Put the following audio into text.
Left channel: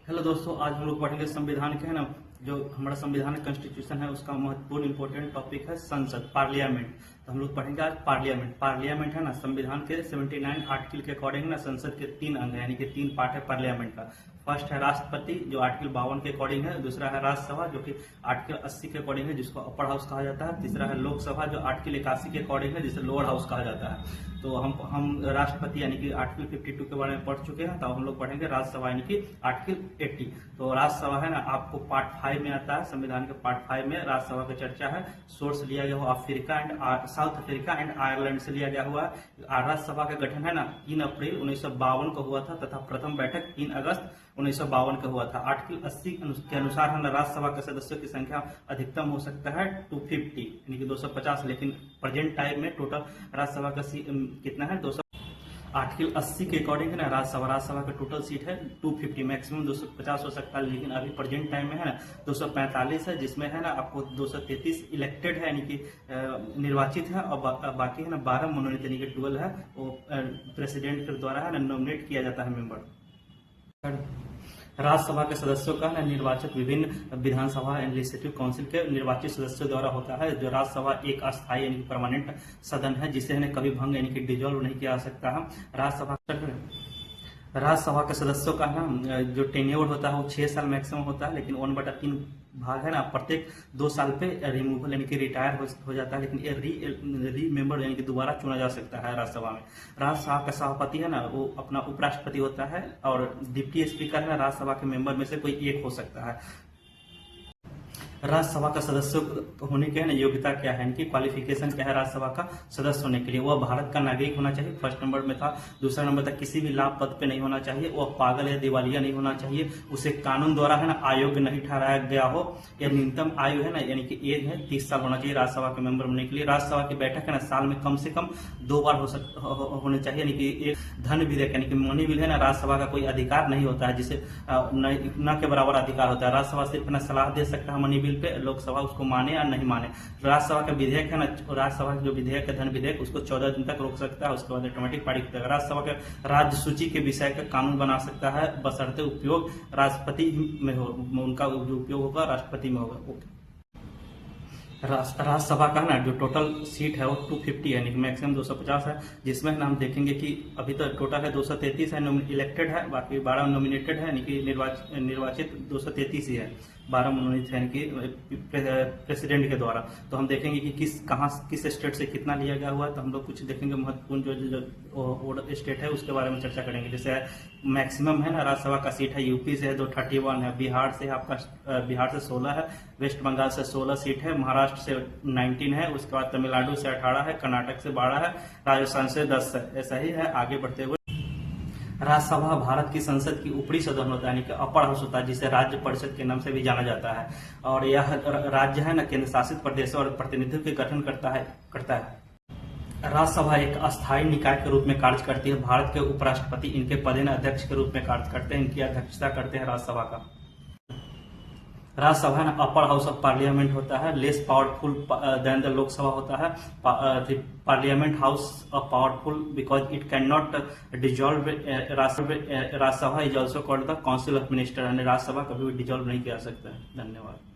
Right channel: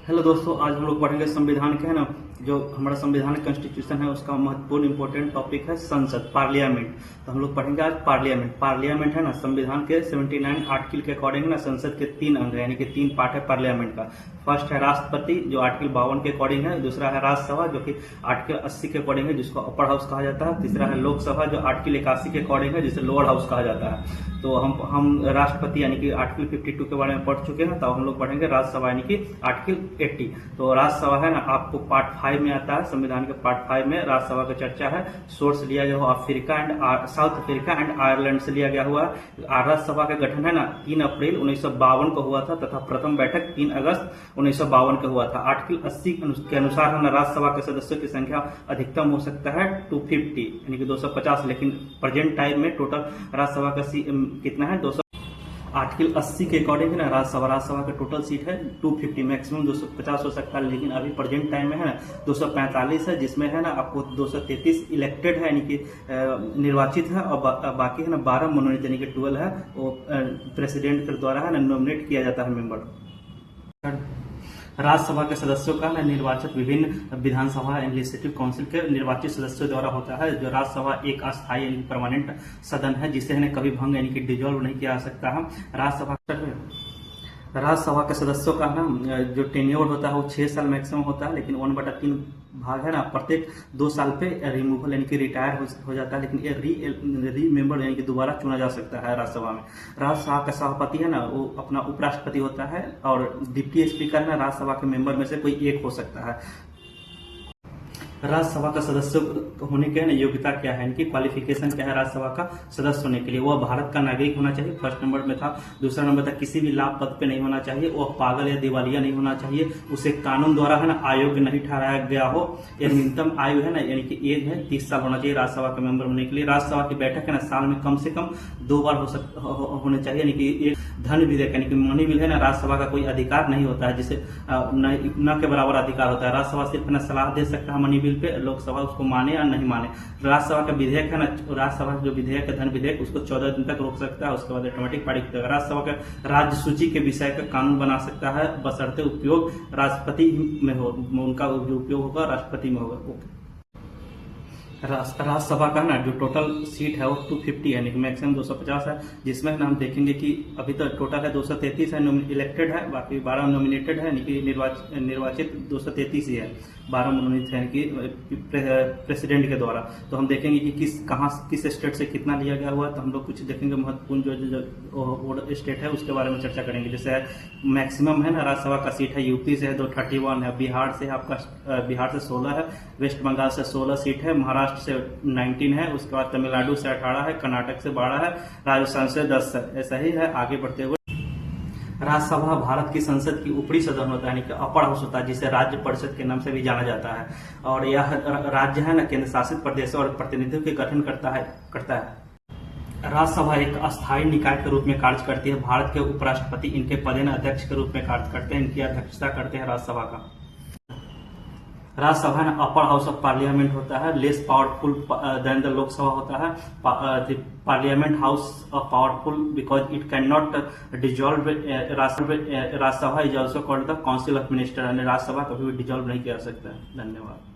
Hello दोस्तों, आज हम लोग पढ़ेंगे संविधान के है ना। जो हमारा संविधान कॉन्स्टिट्यूशन है उसका महत्वपूर्ण इंपॉर्टेंट टॉपिक है संसद, पार्लियामेंट। तो हम लोग पढ़ेंगे आज पार्लियामेंट। पार्लियामेंट है ना, संविधान के 79 आर्टिकल के अकॉर्डिंग ना संसद के 3 अंग है, यानी कि 3 पार्ट है पार्लियामेंट का। फर्स्ट है राष्ट्रपति जो आर्टिकल 52 के अकॉर्डिंग है। दूसरा है राज्यसभा जो कि आर्टिकल 80 के अकॉर्डिंग है, जिसको अपर हाउस कहा जाता है। तीसरा है लोकसभा जो आर्टिकल 81 के अकॉर्डिंग है, जिसे लोअर हाउस कहा जाता है। तो हम राष्ट्रपति यानी कि आर्टिकल 52 के बारे में पढ़ चुके हैं। तो हम लोग पढ़ेंगे राज्यसभा यानी कि आर्टिकल 80। तो राज्यसभा है ना, आपको पार्ट 5 में आता है। संविधान के पार्ट 5 में राज्यसभा का चर्चा है। सोर्स लिया गया हुआ Africa and south Africa and Ireland से लिया गया हुआ है। राज्यसभा का गठन है ना 3 अप्रैल 1952 को हुआ था तथा प्रथम बैठक 3 अगस्त 1952 को हुआ था। आर्टिकल 80 के अनुसार है ना, राज्यसभा के सदस्यों की संख्या अधिकतम हो सकता है 250 यानी कि 250, लेकिन प्रेजेंट टाइम में टोटल राज्यसभा का कितना है 200। आर्टिकल 80 के अकॉर्डिंग है ना, राज्यसभा का टोटल सीट है 250, मैक्सिमम 250 हो सकता है, लेकिन अभी प्रेजेंट टाइम में है ना 245 है, जिसमें है ना आपको 233 इलेक्टेड है यानी कि निर्वाचित है, और बाकी है ना 12 मनोनीत यानी कि 12 है वो प्रेसिडेंट के द्वारा है ना नॉमिनेट किया जाता है मेंबर। राज्यसभा के सदस्यों का निर्वाचन विभिन्न विधानसभा लेजिस्लेटिव काउंसिल के निर्वाचित सदस्यों द्वारा होता है। जो राज्यसभा एक अस्थायी यानी परमानेंट सदन है, जिसे है कभी भंग यानी कि डिजोल्व नहीं किया जा सकता है। राज्यसभा के सदस्यों का ना जो टेन्योर होता है वो 6 साल मैक्सिमम होता है, लेकिन 1/3 भाग है ना प्रत्येक 2 साल पे रिमूवल यानी कि रिटायर हो जाता है, लेकिन री मेंबर यानी कि दोबारा चुना जा सकता है राज्यसभा में। राज्यसभा का सभापति है ना वो अपना उपराष्ट्रपति होता है, और डिप्टी स्पीकर है ना राज्यसभा के मेंबर में से कोई एक हो सकता है। राज्यसभा का सदस्य होने के योग्यता क्या है, इनकी क्वालिफिकेशन क्या है राज्यसभा का सदस्य होने के लिए? वह भारत का नागरिक होना चाहिए, फर्स्ट नंबर में था। दूसरा नंबर था किसी भी लाभ पद पे नहीं होना चाहिए, वह पागल या दिवालिया नहीं होना चाहिए, उसे कानून द्वारा है ना अयोग्य नहीं ठहराया गया हो। एक न्यूनतम आयु है ना यानी कि एज है 30 साल होना चाहिए राज्यसभा के मेंबर होने के लिए। राज्यसभा की बैठक है ना साल में कम से कम 2 बार होने चाहिए, यानी कि एक धन विधेयक यानी कि मनी बिल है ना, राज्यसभा का कोई अधिकार नहीं होता है, जिसे न के बराबर अधिकार होता है। राज्यसभा सिर्फ ना सलाह दे सकता है मनी बिल पे, लोकसभा उसको माने या नहीं माने। राज्यसभा का विधेयक है ना, राज्यसभा का जो विधेयक है धन विधेयक, उसको 14 दिन तक रोक सकता है, उसके बाद ऑटोमेटिक पारित होता है। राज्यसभा का राज्य सूची के विषय का कानून बना सकता है, बशर्ते उपयोग राष्ट्रपति में हो, उनका जो उपयोग होगा राष्ट्रपति में होगा। राज्यसभा का ना जो टोटल सीट है वो 250 है, यानी कि मैक्सिमम 250 है, जिसमें हम देखेंगे कि अभी तो टोटल है 233 है इलेक्टेड है, बाकी 12 नॉमिनेटेड है, यानी कि निर्वाचित 233 ही है, 12 मनोनीत है यानी कि प्रेसिडेंट के द्वारा। तो हम देखेंगे कि किस स्टेट से कितना लिया गया हुआ है। तो हम लोग कुछ देखेंगे महत्वपूर्ण जो स्टेट है उसके बारे में चर्चा करेंगे। जैसे मैक्सिमम है ना राज्यसभा का सीट है यूपी से 231 है, बिहार से 16 है, वेस्ट बंगाल से 16 सीट है, महाराष्ट्र से 19 है, उसके बाद तमिलनाडु से 18 है, कर्नाटक से 12 है, राजस्थान से 10 है। ऐसा ही है आगे बढ़ते हुए। राज्यसभा भारत की संसद की ऊपरी सदन होता है, यानी कि अपर हाउस होता है, जिसे राज्य परिषद के नाम से भी जाना जाता है। और यह राज्य है ना केंद्र शासित प्रदेश और प्रतिनिधित्व के गठन करता है। राज्यसभा एक अस्थायी निकाय के रूप में कार्य करती है। भारत के उपराष्ट्रपति इनके पदेन अध्यक्ष के रूप में कार्य करते हैं, इनकी अध्यक्षता करते हैं राज्यसभा का। राज्यसभा में अपर हाउस ऑफ पार्लियामेंट होता है, less powerful than the Lok Sabha होता है। Parliament house of powerful because it can not dissolve. Rajya Sabha is also called the council of minister, Rajya Sabha कभी भी डिजॉल्व नहीं किया जा सकता है। धन्यवाद।